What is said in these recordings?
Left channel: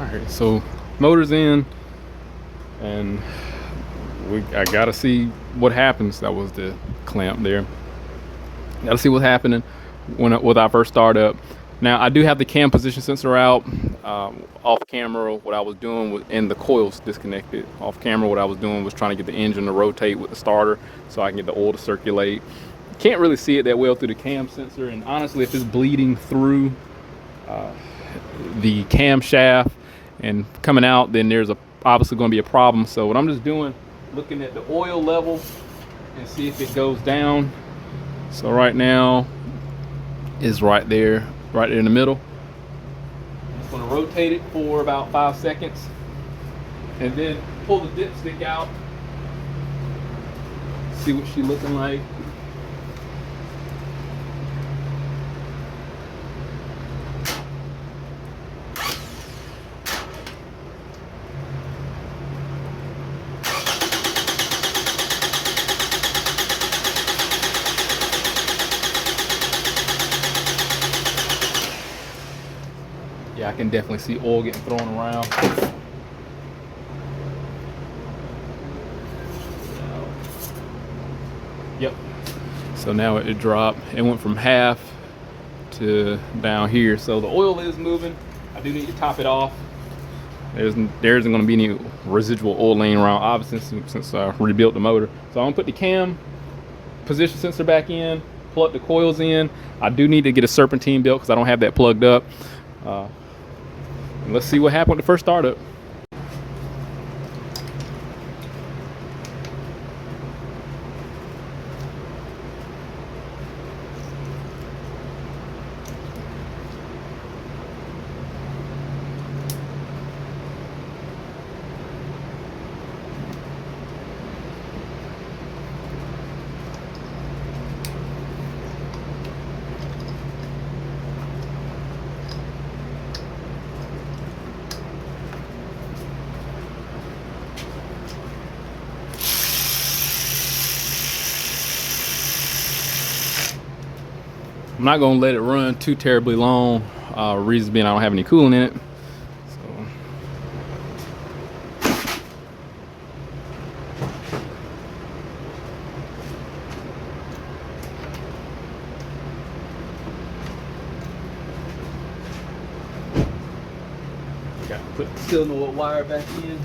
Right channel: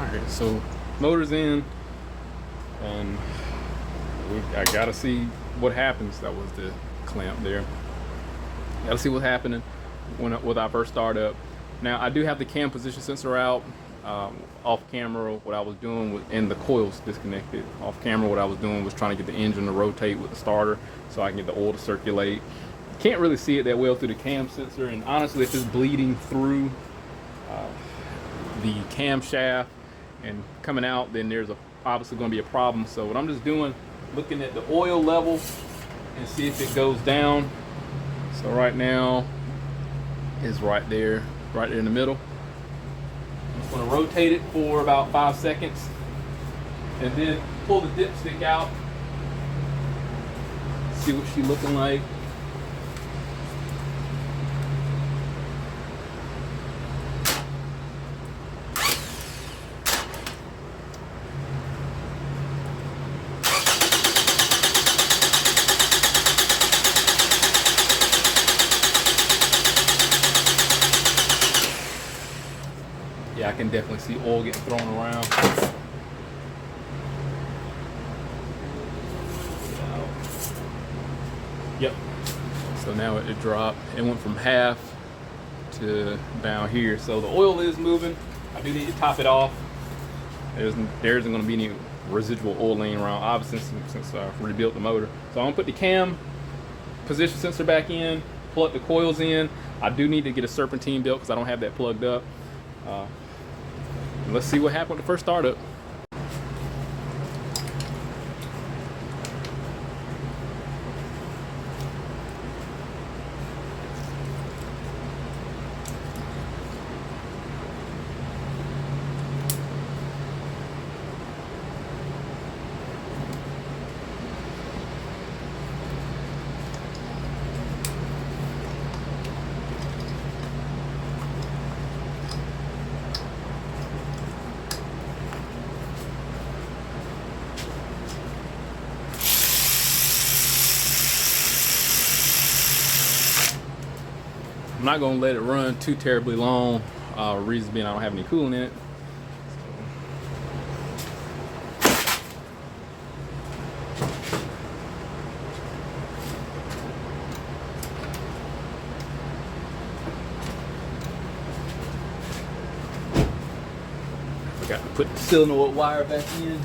All right, so motor's in, and I gotta see what happens. That was the clamp there. Gotta see what's happening with our first startup. Now I do have the cam position sensor out. Off camera, what I was doing was, and the coils disconnected. Off camera, what I was doing was trying to get the engine to rotate with the starter so I can get the oil to circulate. Can't really see it that well through the cam sensor, and honestly, if it's bleeding through the camshaft and coming out, then there's obviously going to be a problem. So what I'm just doing, looking at the oil level and see if it goes down. So right now is right there in the middle. I'm just going to rotate it for about 5 seconds and then pull the dipstick out, see what she's looking like. Yeah, I can definitely see oil getting thrown around. Yep. So now it dropped. It went from half to down here. So the oil is moving. I do need to top it off. There isn't going to be any residual oil laying around, obviously, since I rebuilt the motor. So I'm going to put the cam position sensor back in, plug the coils in. I do need to get a serpentine belt because I don't have that plugged up. Let's see what happened with the first startup. I'm not gonna let it run too terribly long. Reason being I don't have any coolant in it. Got to put the cylinder wire back in.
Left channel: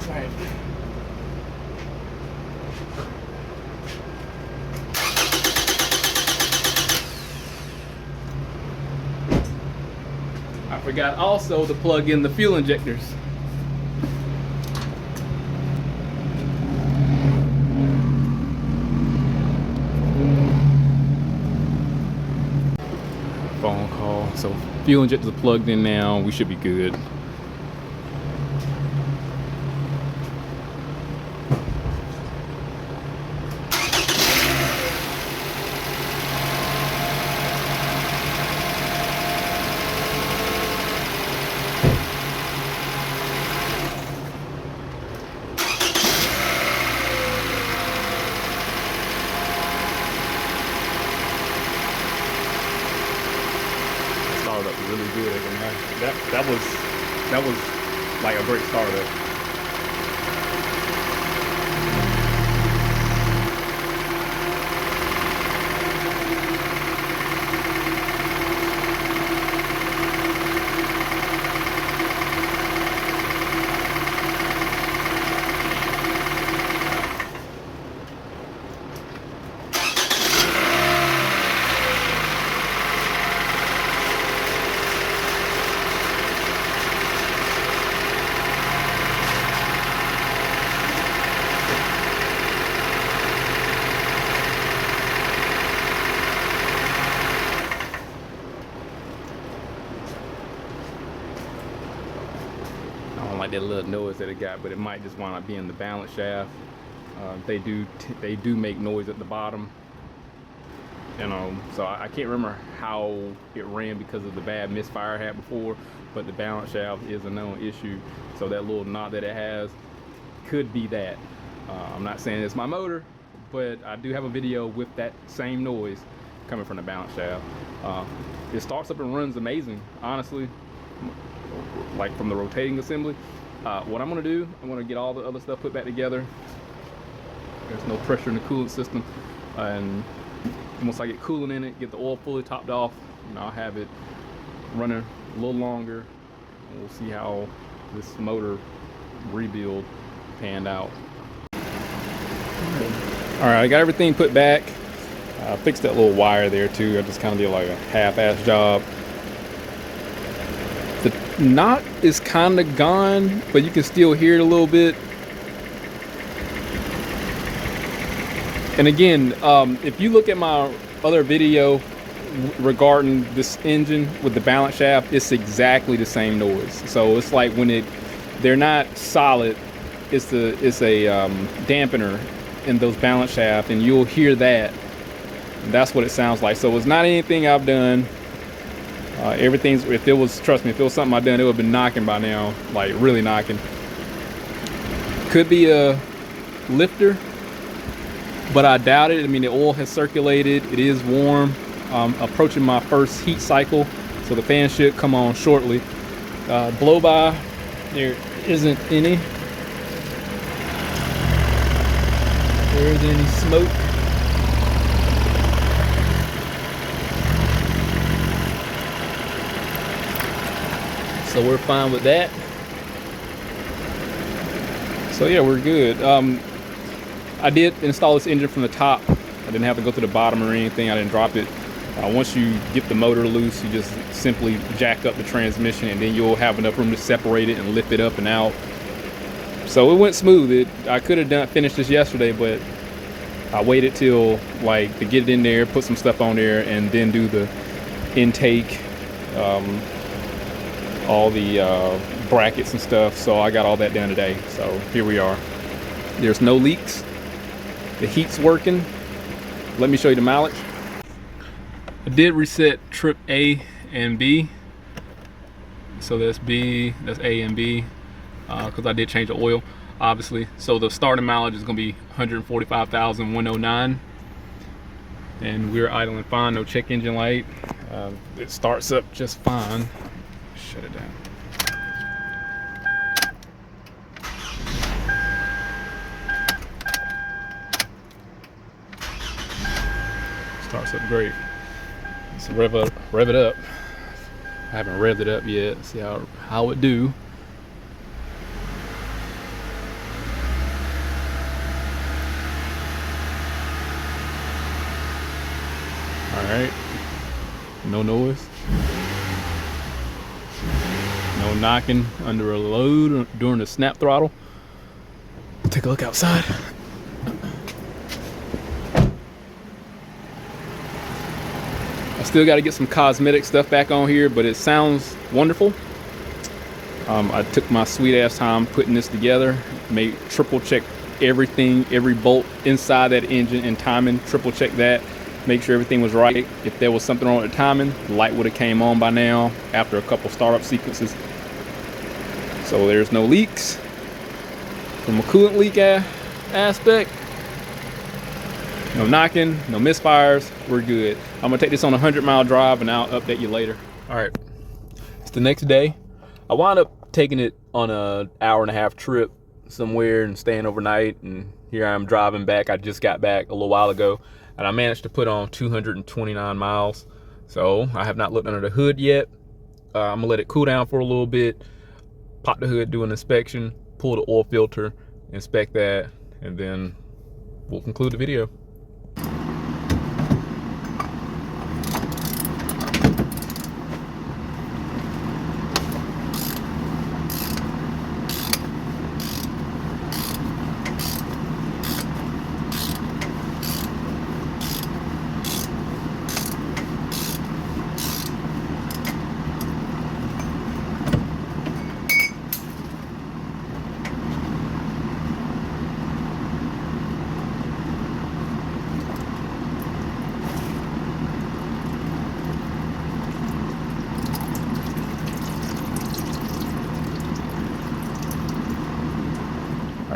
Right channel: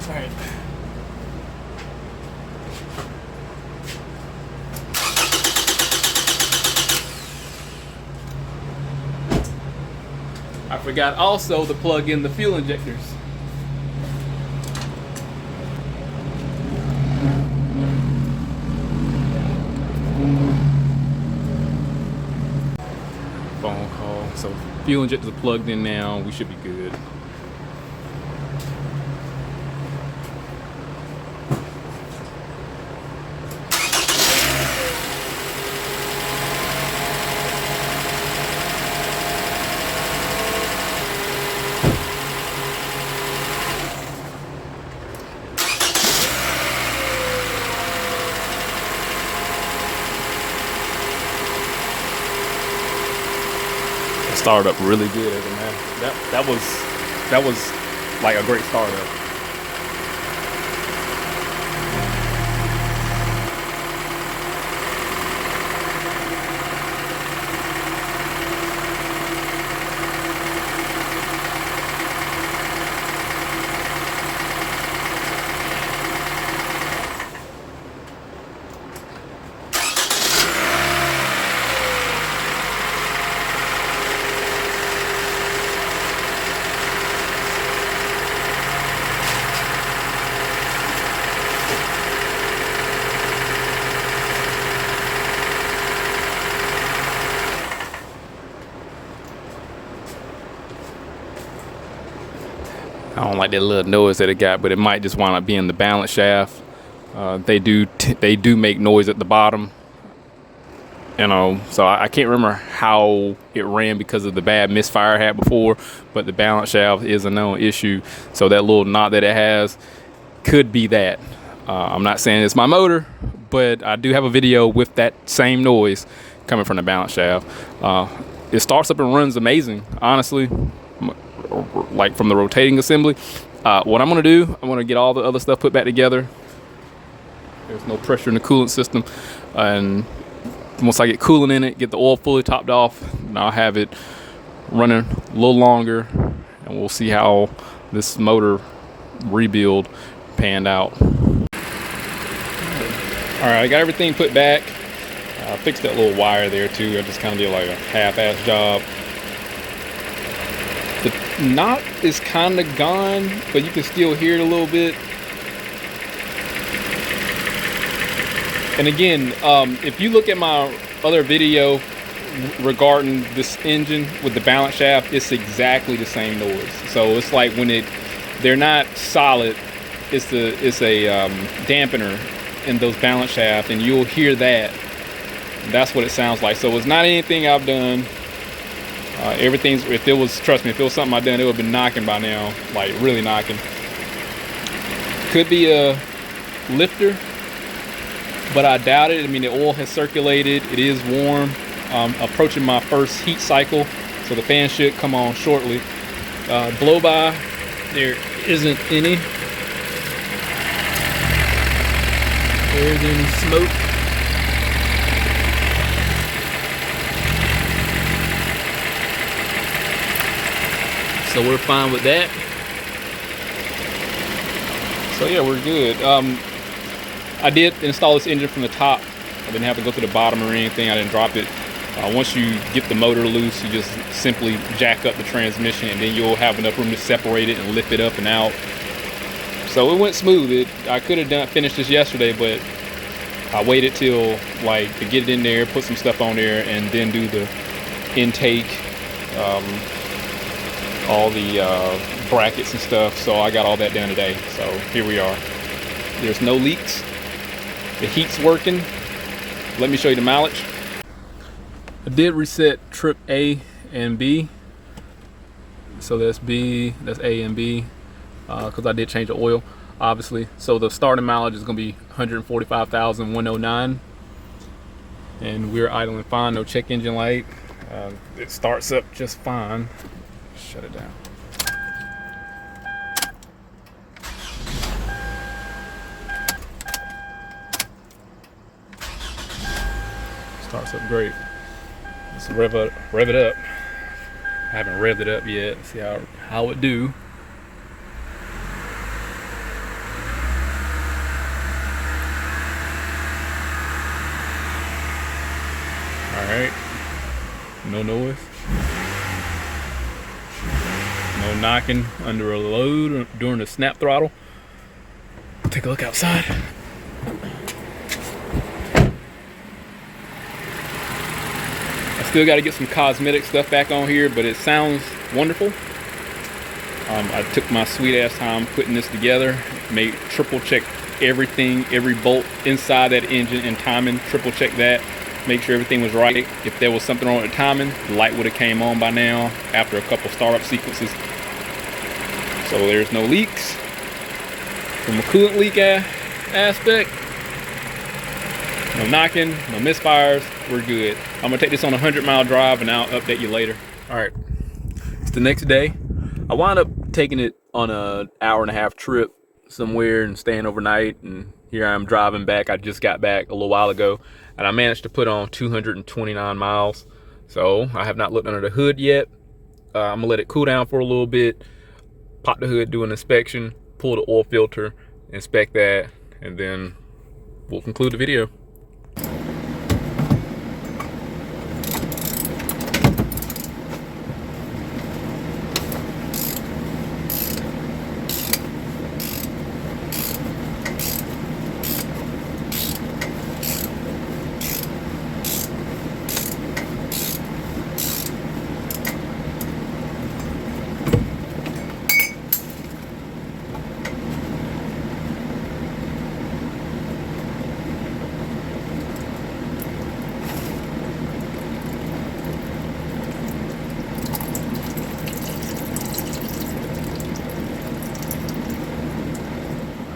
All right. I forgot also to plug in the fuel injectors. Phone call. So fuel injectors are plugged in now. We should be good. Started up really good. That was like a great startup. I don't like that little noise that it got, but it might just wind up being the balance shaft. They do make noise at the bottom, you know. So I can't remember how it ran because of the bad misfire I had before, but the balance shaft is a known issue. So that little knot that it has could be that. I'm not saying it's my motor, but I do have a video with that same noise coming from the balance shaft. it starts up and runs amazing, honestly, like from the rotating assembly. What I'm gonna do, I'm gonna get all the other stuff put back together. There's no pressure in the coolant system, and once I get coolant in it, get the oil fully topped off, and I'll have it running a little longer, and we'll see how this motor rebuild panned out. All right, I got everything put back. I fixed that little wire there too. I just kind of did like a half-ass job. The knot is kind of gone, but you can still hear it a little bit. And again, if you look at my other video regarding this engine with the balance shaft, it's exactly the same noise. So it's like when they're not solid, it's a dampener in those balance shafts, and you'll hear that. That's what it sounds like. So it's not anything I've done. Everything's, trust me, if it was something I've done, it would have been knocking by now, like really knocking. Could be a lifter, but I doubt it. I mean, the oil has circulated. It is warm. Approaching my first heat cycle, so the fan should come on shortly. Blow by, there isn't any. There's any smoke. So we're fine with that. So yeah, we're good. I did install this engine from the top. I didn't have to go to the bottom or anything. I didn't drop it. Once you get the motor loose, you just simply jack up the transmission, and then you'll have enough room to separate it and lift it up and out. So it went smooth. I could have finished this yesterday, but I waited till to get it in there, put some stuff on there, and then do the intake, all the brackets and stuff. So I got all that done today. So here we are. There's no leaks. The heat's working. Let me show you the mileage. I did reset trip A and B. So that's A and B, because I did change the oil, obviously. So the starting mileage is going to be 145,109, and we're idling fine. No check engine light. It starts up just fine. Shut it down. Starts up great. Let's rev it up. I haven't revved it up yet. See how it do. All right. No noise. No knocking under a load during the snap throttle. Take a look outside. Still got to get some cosmetic stuff back on here, but it sounds wonderful. I took my sweet ass time putting this together, triple check everything, every bolt inside that engine, and timing, triple check that, make sure everything was right. If there was something wrong with the timing, the light would have came on by now after a couple startup sequences. So there's no leaks. From a coolant leak aspect, no knocking, no misfires, we're good. I'm gonna take this on a 100-mile drive, and I'll update you later. All right, it's the next day. I wound up taking it on an hour-and-a-half trip somewhere and staying overnight, and here I am driving back. I just got back a little while ago, and I managed to put on 229 miles. So I have not looked under the hood yet. I'm gonna let it cool down for a little bit, pop the hood, do an inspection, pull the oil filter, inspect that, and then we'll conclude the video.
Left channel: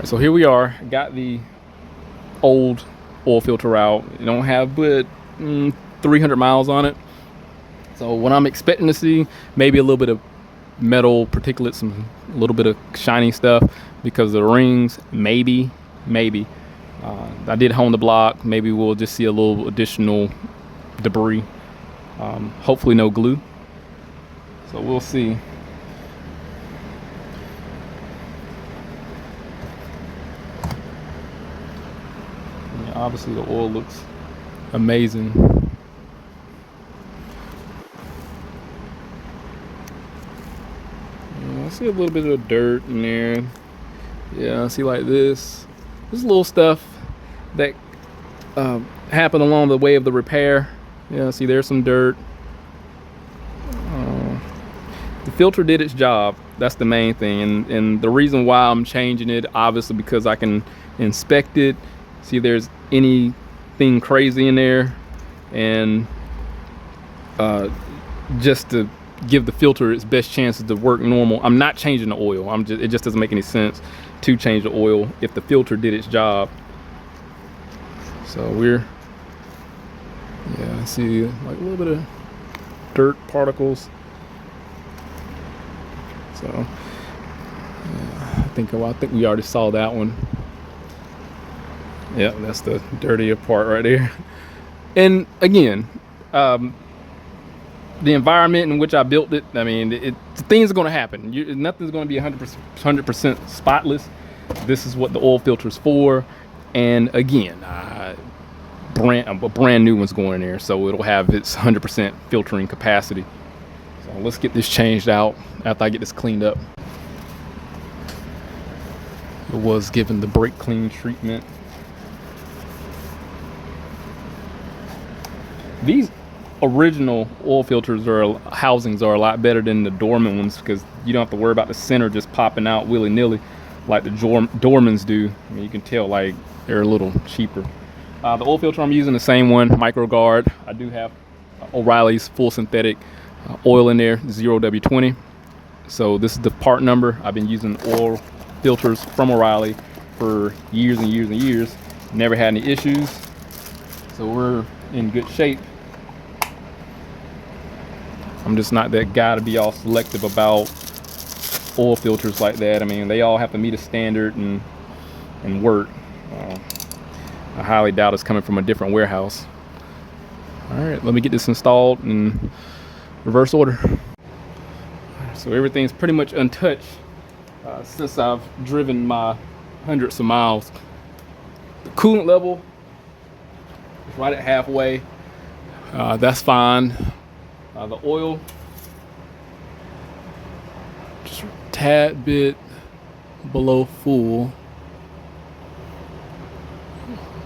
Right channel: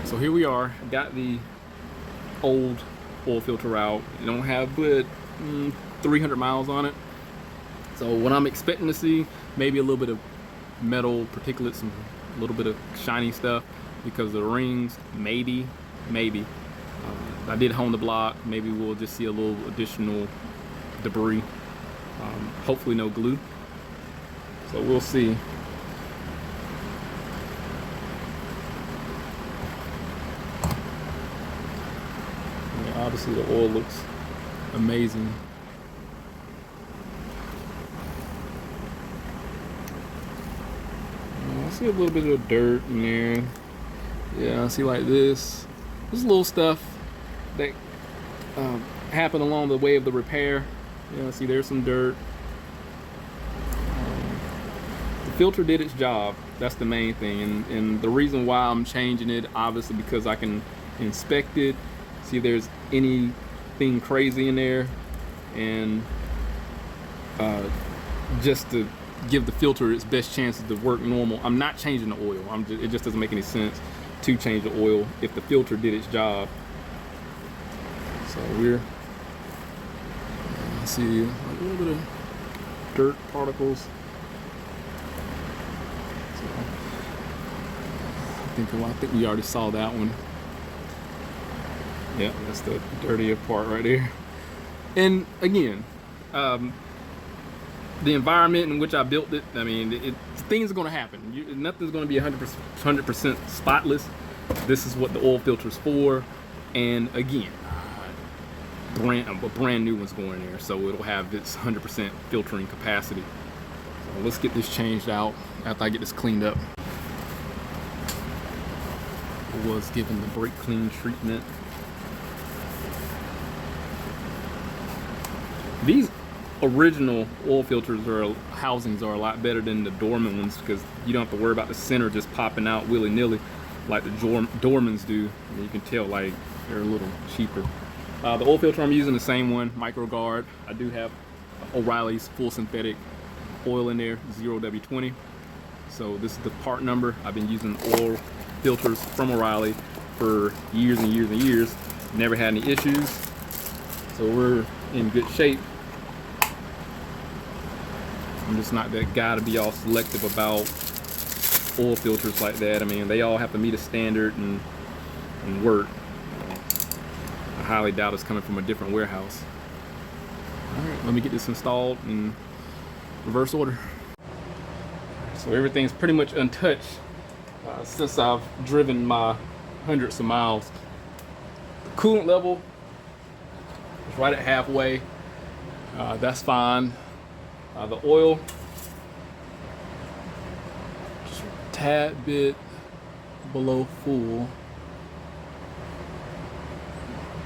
So here we are, got the old oil filter out. You don't have but 300 miles on it. So what I'm expecting to see, maybe a little bit of metal particulates, a little bit of shiny stuff because of the rings. Maybe. I did hone the block. Maybe we'll just see a little additional debris. Hopefully no glue. So we'll see. Yeah, obviously the oil looks amazing. Yeah, I see a little bit of dirt in there. Yeah, I see like this. This little stuff that happened along the way of the repair. Yeah, see there's some dirt. The filter did its job. That's the main thing, and the reason why I'm changing it, obviously, because I can inspect it, see if there's anything crazy in there, and just to give the filter its best chances to work normal. I'm not changing the oil. It just doesn't make any sense to change the oil if the filter did its job. So we're, yeah, see like a little bit of dirt particles. So I think we already saw that one. Yeah, that's the dirtier part right there. And again, the environment in which I built it, I mean, things are going to happen. Nothing's going to be 100% spotless. This is what the oil filter is for. And again, a brand new one's going in there, so it'll have its 100% filtering capacity. So let's get this changed out after I get this cleaned up. It was given the brake clean treatment. These original oil filters housings are a lot better than the dormant ones because you don't have to worry about the center just popping out willy-nilly like the Dormans do. And you can tell like they're a little cheaper. The oil filter I'm using, the same one, MicroGuard. I do have O'Reilly's full synthetic oil in there, 0W20. So this is the part number. I've been using oil filters from O'Reilly for years and years and years. Never had any issues. So we're in good shape. I'm just not that guy to be all selective about oil filters like that. I mean, they all have to meet a standard and work. I highly doubt it's coming from a different warehouse. All right, let me get this installed in reverse order. So everything's pretty much untouched since I've driven my hundreds of miles. The coolant level is right at halfway. That's fine. The oil, just a tad bit below full.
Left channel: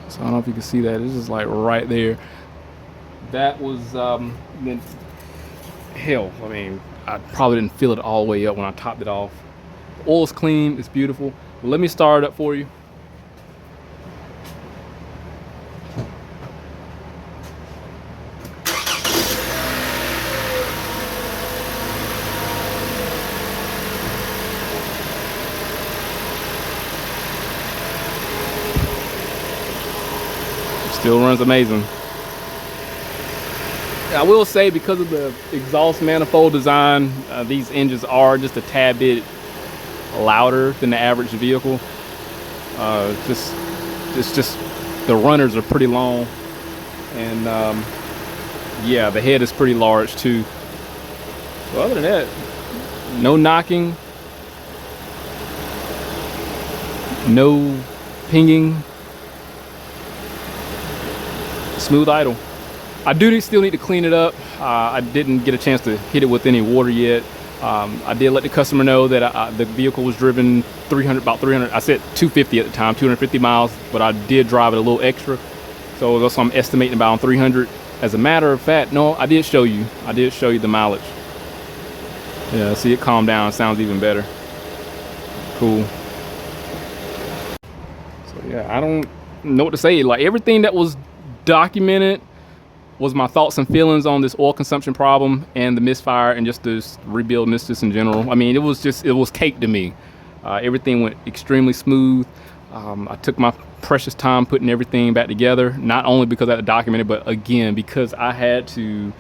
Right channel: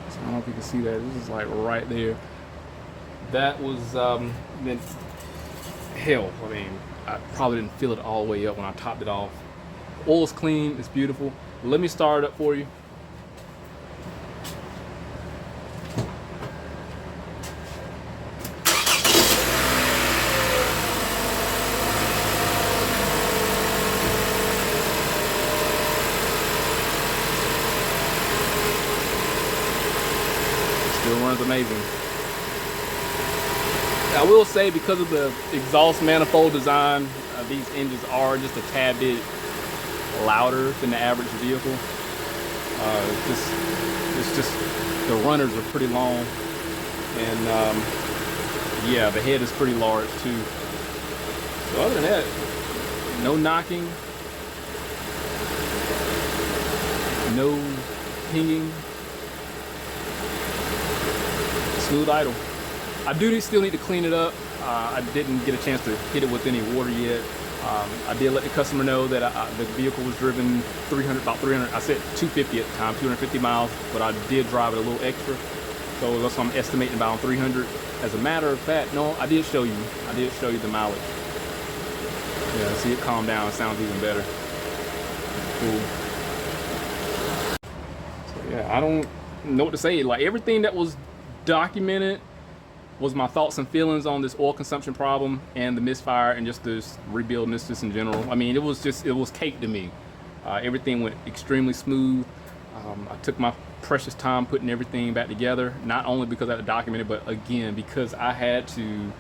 So I don't know if you can see that. This is like right there. That was then hell. I mean, I probably didn't fill it all the way up when I topped it off. Oil's clean. It's beautiful. Let me start it up for you. Still runs amazing. I will say, because of the exhaust manifold design, these engines are just a tad bit louder than the average vehicle. It's just the runners are pretty long, and yeah, the head is pretty large too. So other than that, no knocking, no pinging. Smooth idle. I do still need to clean it up. I didn't get a chance to hit it with any water yet. I did let the customer know that the vehicle was driven about 300. I said 250 at the time, 250 miles, but I did drive it a little extra. So that's what I'm estimating about 300. As a matter of fact, no, I did show you. I did show you the mileage. Yeah, see, it calmed down. It sounds even better. Cool. So yeah, I don't know what to say. Like, everything that was documented was my thoughts and feelings on this oil consumption problem and the misfire and just this rebuild and this in general. I mean, it was cake to me. Everything went extremely smooth. I took my precious time putting everything back together, not only because I had to document it, but again, because I had to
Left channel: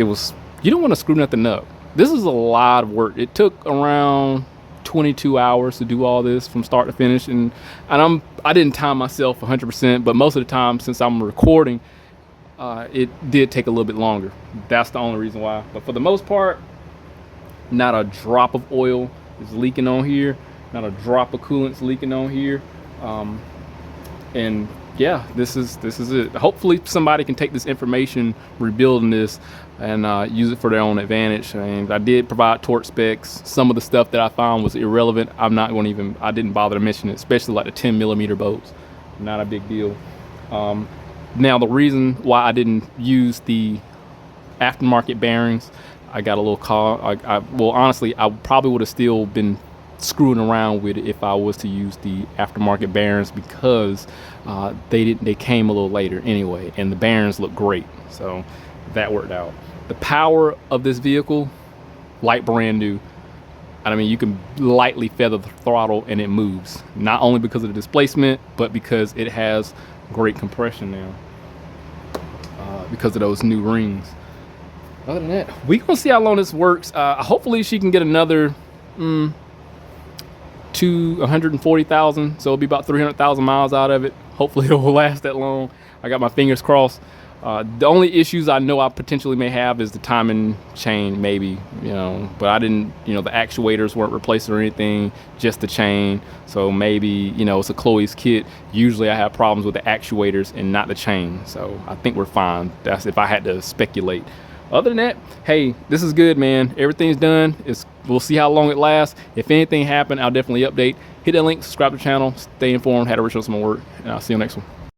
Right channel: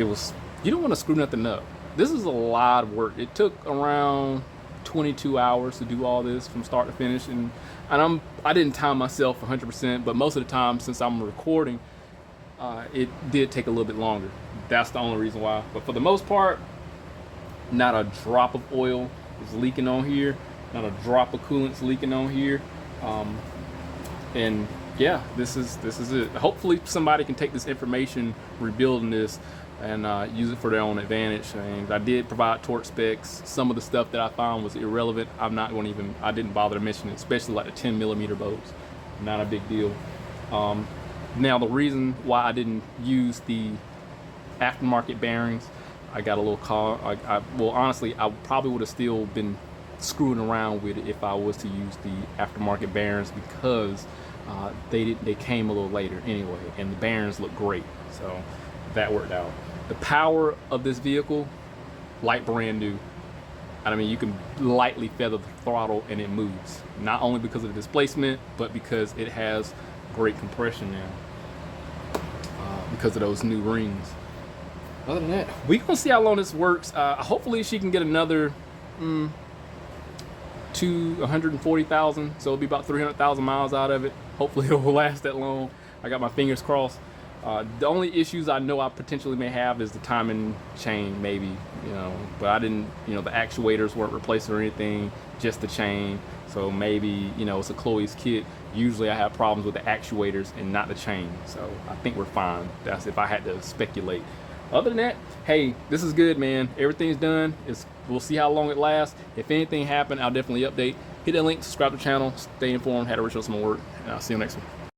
you don't want to screw nothing up. This is a lot of work. It took around 22 hours to do all this from start to finish, and I didn't time myself 100%, but most of the time, since I'm recording, it did take a little bit longer. That's the only reason why. But for the most part, not a drop of oil is leaking on here, not a drop of coolant's leaking on here, and yeah, this is it. Hopefully somebody can take this information, rebuilding this, and use it for their own advantage. And I did provide torque specs. Some of the stuff that I found was irrelevant. I'm not going to even, I didn't bother to mention it, especially like the 10mm bolts. Not a big deal. Now the reason why I didn't use the aftermarket bearings, I got a little call. Well, honestly, I probably would have still been screwing around with it if I was to use the aftermarket bearings, because they came a little later anyway, and the bearings look great, so that worked out. The power of this vehicle, like brand new. I mean, you can lightly feather the throttle and it moves, not only because of the displacement, but because it has great compression now, because of those new rings. Other than that, we're gonna see how long this works. Hopefully she can get another 140,000, so it'll be about 300,000 miles out of it. Hopefully it will last that long. I got my fingers crossed. The only issues I know I potentially may have is the timing chain, maybe, but I didn't, the actuators weren't replaced or anything, just the chain. So maybe, it's a Chloe's kit. Usually I have problems with the actuators and not the chain. So I think we're fine. That's if I had to speculate. Other than that, hey, this is good, man. Everything's done. We'll see how long it lasts. If anything happened, I'll definitely update. Hit that link, subscribe to the channel, stay informed, how to reach out some more work, and I'll see you next one.